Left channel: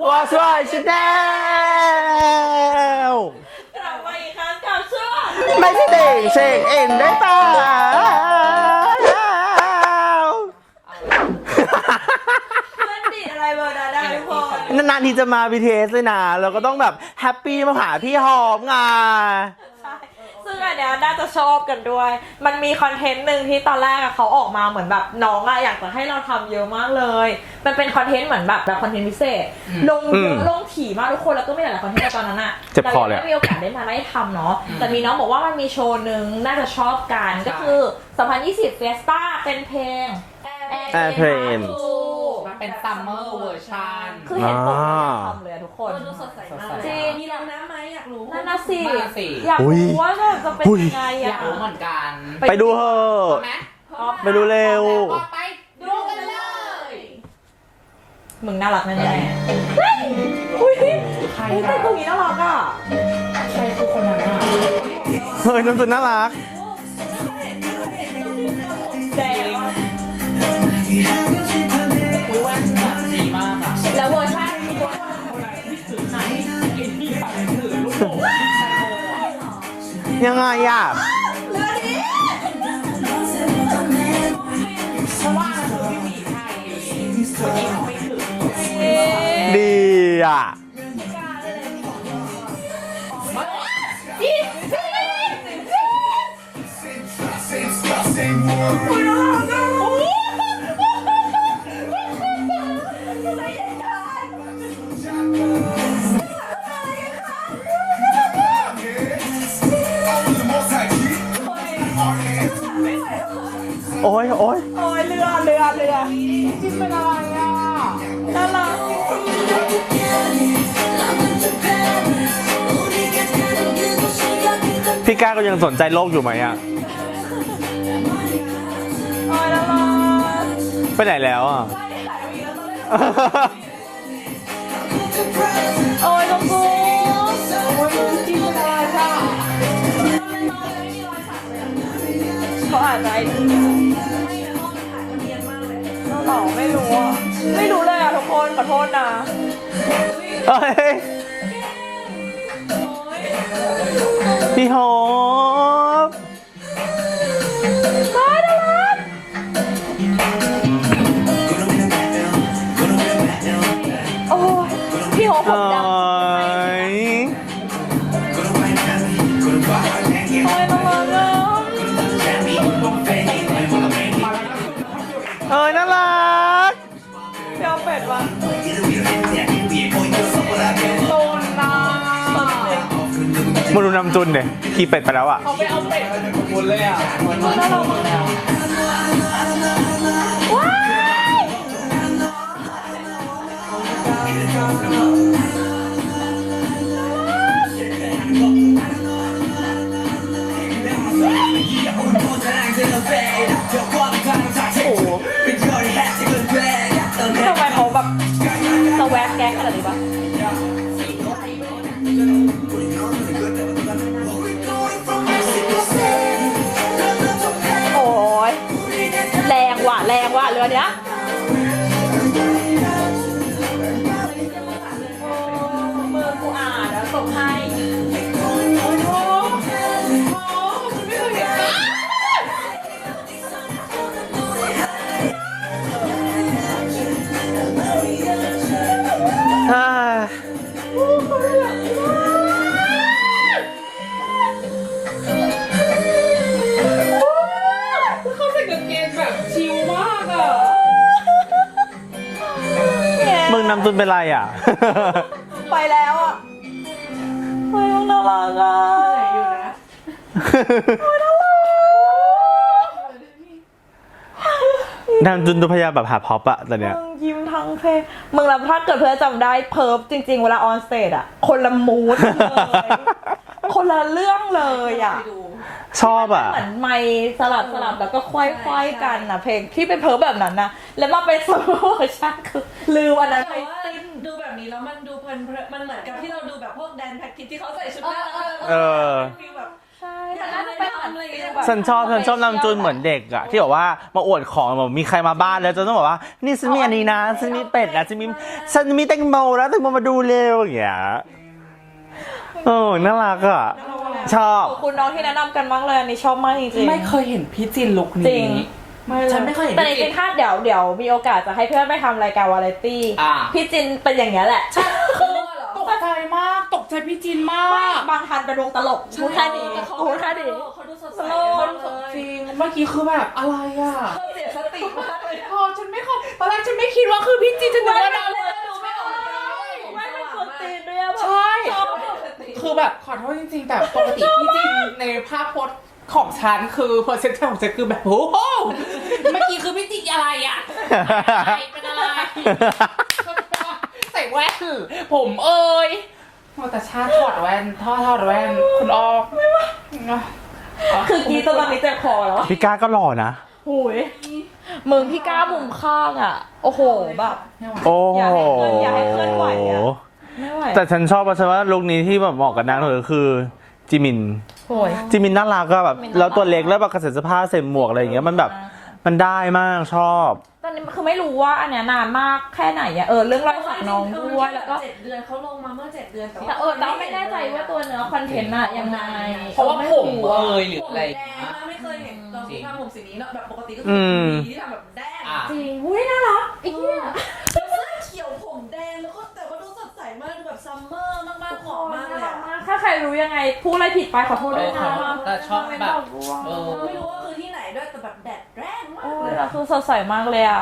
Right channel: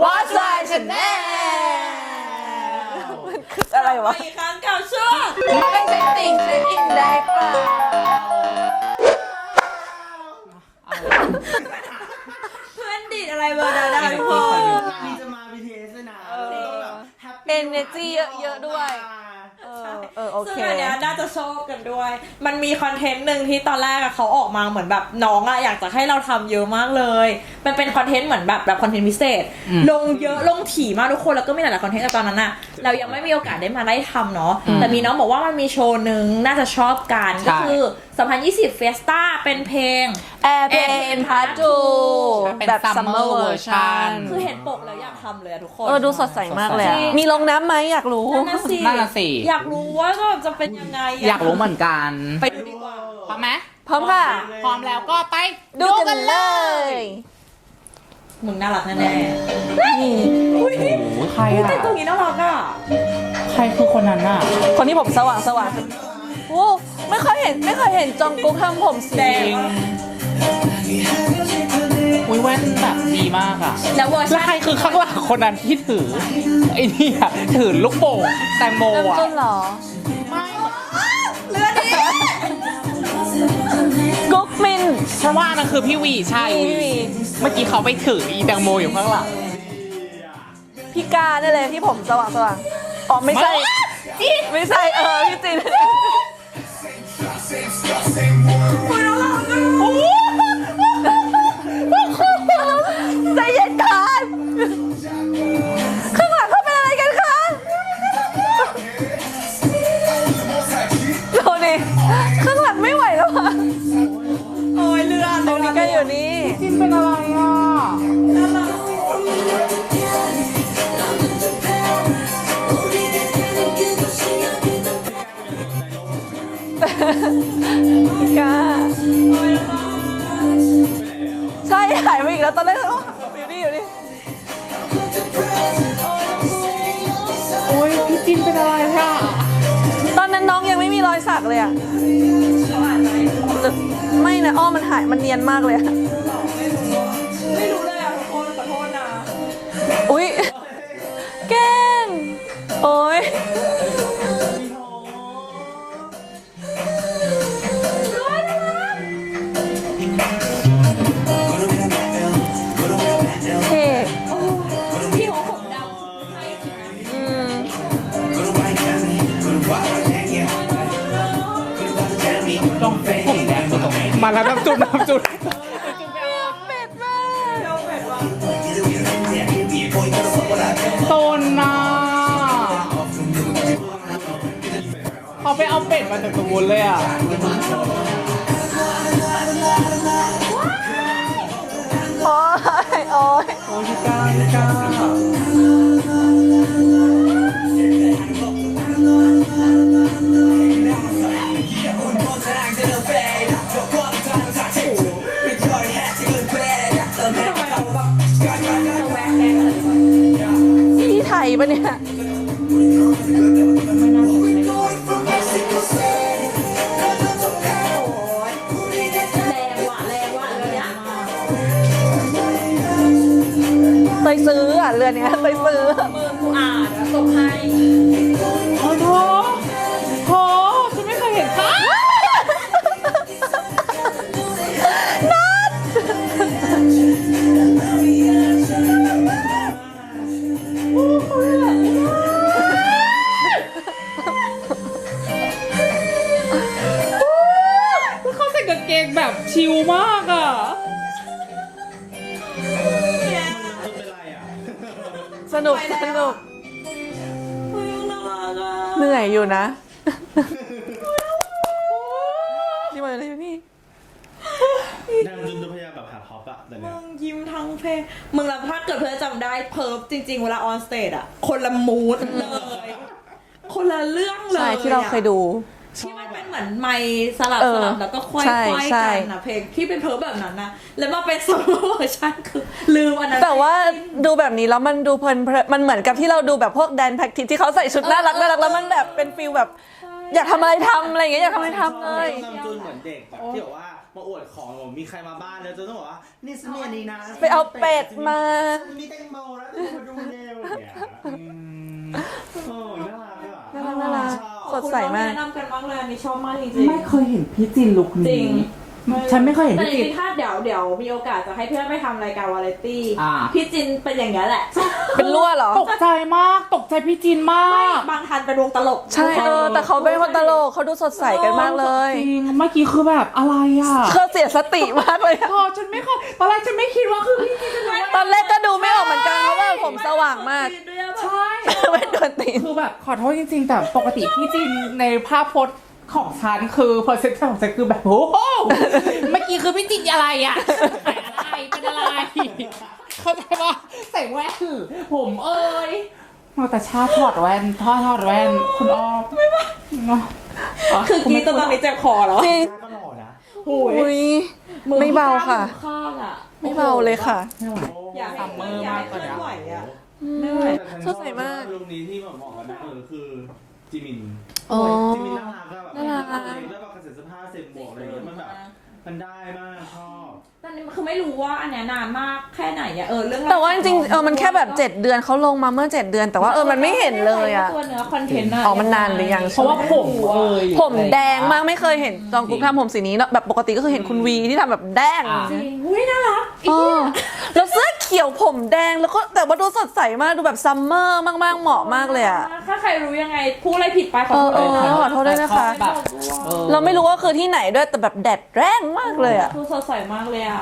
我帅是 Dell。ด来一个。มาเล่นเองเองได้ป่าวเพื่อนดิอะไรเบอร์ดาดาทุกนานๆทีจะมา BTS เลยนะเราก็ต้องแบบแฮปปี้มาหาพี่หอมไงซึ่งอันเนี้ยน่าจะชอบกันด้วย มันมีคอนเทนต์หนึ่งที่ตอนแรกเขาออกมาเหมือนแบบน้องอะอยากจะให้เราทําเยอะมากเลย มันเป็นคอนเทนต์เหมือนแบบแบบคอนเทนต์พิเศษลงเยอะลงถี่มากทุกคนแล้วก็ไม่หลายๆคอนเทนต์ตอนนั้นอะเรายังไม่มีโอกาสได้มาไล่ทำเนาะ แต่มีน้องบอกว่ามันมีโชว์หนึ่งน่าจะชอบกันก็คือ2020 Fiesta เป็นเพลง a อร์เพลนพาร์ทเป็นแบบซัมเมอร์เวอร์ชันคือเห็นปกแล้วทำเลยทุกคน เออดูสดใสมากเลยมีลงน้ำไหมอยากรู้น่าสิอยากรู้ว่าจะเป็นยังไงอยากรู้เหมือนกัน ไปดูเหอะพร้อมไหมพร้อมค่ะไปดูเร็ว ก็ไป ดูกันเลย มึงน่ารักแน่แน่ใครอะแต่ตรงนี้น่ารักอ่ะ ใครคือคนนั้นอ่ะ คนที่ผมสว่างทำไมคุณต้นน่ารักโอ้ไม่เคยเห็นไม่เคยเห็นจองกุ๊กทำผมแดงแล้วใครคือข้างหลังคนนั้นที่ถือไอ้นี่อะถือลูกโป่งแตงโมอะยังไงอะกุ๊กมินเพราะว่านั่นคือพี่วีใช่เมื่อกี้เขาไปถืออีแตงโมอยู่เมื่อไหร่ดีอะพี่กาเนได้เลยที่ผมสว่างสว่างอ๋อไม่ใช่ ไม่ใช่เออพี่จินนี่ที่เป็นอะไรอ่ะน่ารักจริงพี่ก้าก็ยังสนใจโลกอยู่ไหมอ่ะพี่ก้าโอ้ยแล้วไปไหนแล้วอ่ะใช่หายไปอีกแล้วตอนแรกตอนนั้นน้องยังไม่มีรอยสักเลยอ่ะไมันจะไม่นะอ้อมันหายมันเนียนมากเลยอ่อไม่รู้ ไม่รู้เลยอ่ะทุกคนขอโทษนะอุ้ยแก้งโอ้ยพี่หอมยน่ารักยาวแปดวันนมาดูน้ำจุนเนี่ยขี่เป็ดไปแล้วอ่ะเขาไปเอาเป็ดมาจากขบวนเลยอ่ะวเนี้ยไปซื้ออ่ะเรือเนี้ยไปซื้อมือกูอ่านแล้วส่งให้มึงนำตุนเป็นไรอ่ะ สนุกไปแล้วอ่ะเหนื่อยอยู่นะ นี่มันอะไรพี่นางจุนตุพยาแบบหาพอบอะตอนเนี้ย ยิ้มทั้งเพลง มึงรับถ้าเกิดเพื่อจำได้เพิร์ฟจริงๆเวลาออนสเตจอะคนละมูดเลย คนละเรื่องเลยที่เราเคยดูชอบอ่ะเหมือนไม่สลับสลับแล้วก็ค่อยค่อยใจนะเพลงที่เป็นเพอแบบนั้นนะแล้วมาเป็นโซโล่ใช่คือลืมอันนั้นแต่ว่าดูแบบนี้แล้วมันดูเพลินมันเหมือนกับที่เราดูแบบพวกแดนแพ็กทิที่เขาใส่ชุดน่ารักน่ารักแล้วมันแบบเป็นฟิลแบบ อยากทำอะไรทำอะไรอย่างเงี้ยฉันชอบฉันชอบนำจนเหมือนเด็กอ่ะ ที่บอกว่ามาอวดของแบบมีใครมาบ้านแล้วจนต้องบอกว่านี่ฉันมีอันนี้นะฉันมีเป็ดนะฉันมีฉันมีแตงโมแล้วแตงโมมาดูเร็วอย่างเงี้ยโอ้ น่ารักอ่ะชอบคุณน้องมีแนะนำกันมากเลย อันนี้ชอบมากจริงไม่เคยเห็นพี่จินลุกนี้ฉันไม่เคยเห็นแต่ในท่าเดี๋ยวเดี๋ยวมีโอกาสจะให้เพื่อนไปทำรายการวาไรตี้ พี่จินเป็นอย่างนี้แหละใเป็นรั่วเหรอ ตกใจมาก ตกใจพี่จินมากบางทันกระดงตลก ใช่แต่เขาเป็นคนตลกเขาดูสดใสกันมากเลย จริง เมื่อกี้คือแบบอะไรอ่ะเธอเสียสติมากเลยโอ้ฉันไม่เคยตอนแรกฉันไม่คิดว่าคือพี่จินจะดูตอนแรกก็ดูไม่ออกเหมือนกันเพราะว่าผมสว่างมากิตีคือแบบขอโทษจริงๆแต่ปกติพี่จีนในภาพพจน์ของฉันคือพอเซ็นต์ของฉันคือแบบโอ้โหเมื่อกี้คือพี่จีนอะไรอ่ะอะไรกันอะไร ใส่แว่นผมเอ้ยมาแต่ชาถอดแว่นท่อถอดแว่นคุณอ้อไม่ว่าคือกีตอนนี้จะคอแล้วพี่ก้าก็หล่อนะหุยไม่เบาค่ะข้างอ่โอ้โหเลยค่ะโอ้โหอย่าให้เคลื่อนไหวชแต่ฉันชอบเพราะฉะนั้นลูกนี้ที่แบบเหมาะกับนางเลยคือจิมินจิมินน่ารักก็แบบแล้วตัวเล็กแล้วแบบกระเสริฐสภาพเส้หมวกอะไรอย่างเงี้ยมันแบบมันได้มากชอบแต่คือไม่รู้ว่าอันเนี้ยนานมากแค่ไหนอะเออเรื่องแต่ว่าจริงเออมันแค่แบบเจ็ดเดือนเขาลงมาเมื่อเจ็ดเดือนแต่ว่าเออมันไม่เห็นเลยอะอ๋อมันนานหรือยังเพราะว่าผมเลยผมแดงมากไม่เคยเห็นตอนกุ๊กทำผมสีนี้เนาะแบบปกติก็คือเห็นคุณวีที่ทำแบบแดงจริงอุ้ยน่ารักขียวผมแดงแล้วก็แต่ว่าดูสดใสมากดูแบบซัมเมอร์มาก ๆ เหมาะมากเลยอะถ้าใครรู้ยังไงพูดอะไรผิดไปขอโทษเลยขอโทษด้วยนะคะเราไม่รู้ว่าคือที่ไหนด้วยแต่แบบแดดแรงมากเลยอะดูสดใสมากเลยอะ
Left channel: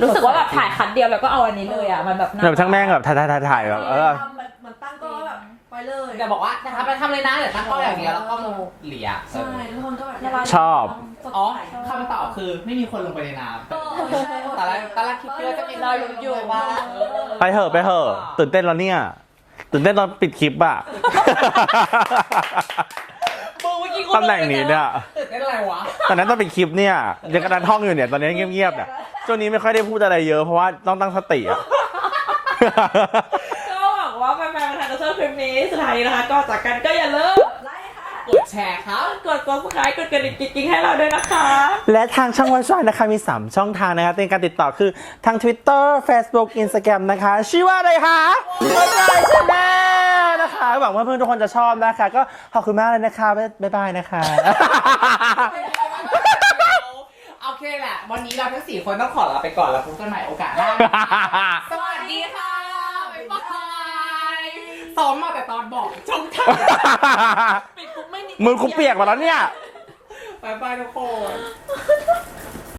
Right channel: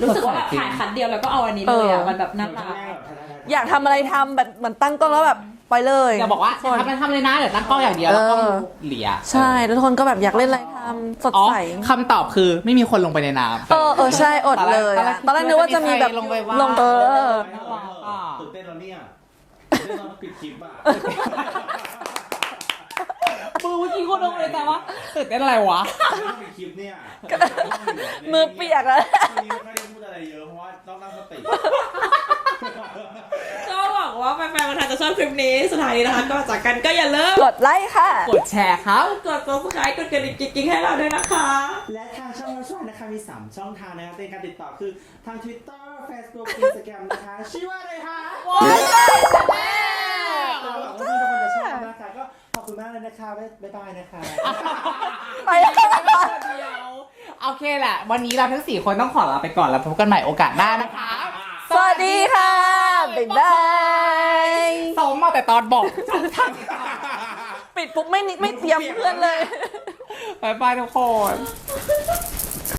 รู้สึกว่าแบบถ่ายขันเดียวแล้วก็เอาอันนี้เลยอะมันแบบแบบทั้งแม่งแบบถ่ายถ่ายถ่ายอยากทำอะไรทำแบบเหมือนตั้งกล้องแล้วแบบปเลย จะบอกว่าทำไปทำเลยนะเดี๋ยวนั้งกล้องอย่างเดียวแล้วก็เหลียใช่แล้วทุกคนก็แบบอยากเล่นน้ำสดใสคำตอบคือไม่มีคนลงไปในน้ำเออใช่ อดเลย ตอนแรกนึกว่าจะมีแบบลงไปไปเหอะไปเหอะตื่นเต้นแล้วเนี่ยตื่นเต้นตอนปิดคลิปอะตำแหน่งนี้เนี่ยตื่นเต้นอะไรวะ ตอนนั้นตองเป็นคลิปเนี่ยยังกระดานห้องอยู่เนี่ยตอนนี้เงียบ ๆ ช่วงนี้ไม่ค่อยได้พูดอะไรเยอะเพราะว่าต้องตั้งสติชอบคลิปนี้สุดท้ายนะคะก็จากกันก็อย่าลืม กดไลค์ค่ะ กดแชร์ครับกดกดกดไลค์กดกระดิ่งกริงๆให้เราด้วยนะคะ และทางช่องวันช่วยนะคะมี 3 ช่องทางนะคะในการติดต่อคือทาง Twitter Facebook Instagram นะคะ ชื่อว่าอะไรคะหวังว่าเพื่อนทุกคนจะชอบนะคะ ก็ขอบคุณมากเลยนะคะ บ๊ายบายนะคะ โอเคแหละวันนี้เราทั้งสี่คนต้องขอลาไปก่อนแล้วพบกันใหม่โอกาสหน้า สวัสดีค่ะบ๊ายบายไงซ้อมมาแต่ตอนบอกจบทันปิดปุ๊บไม่นิมือคุณเปียกหมดแล้วเนี่ยบายบทุกคน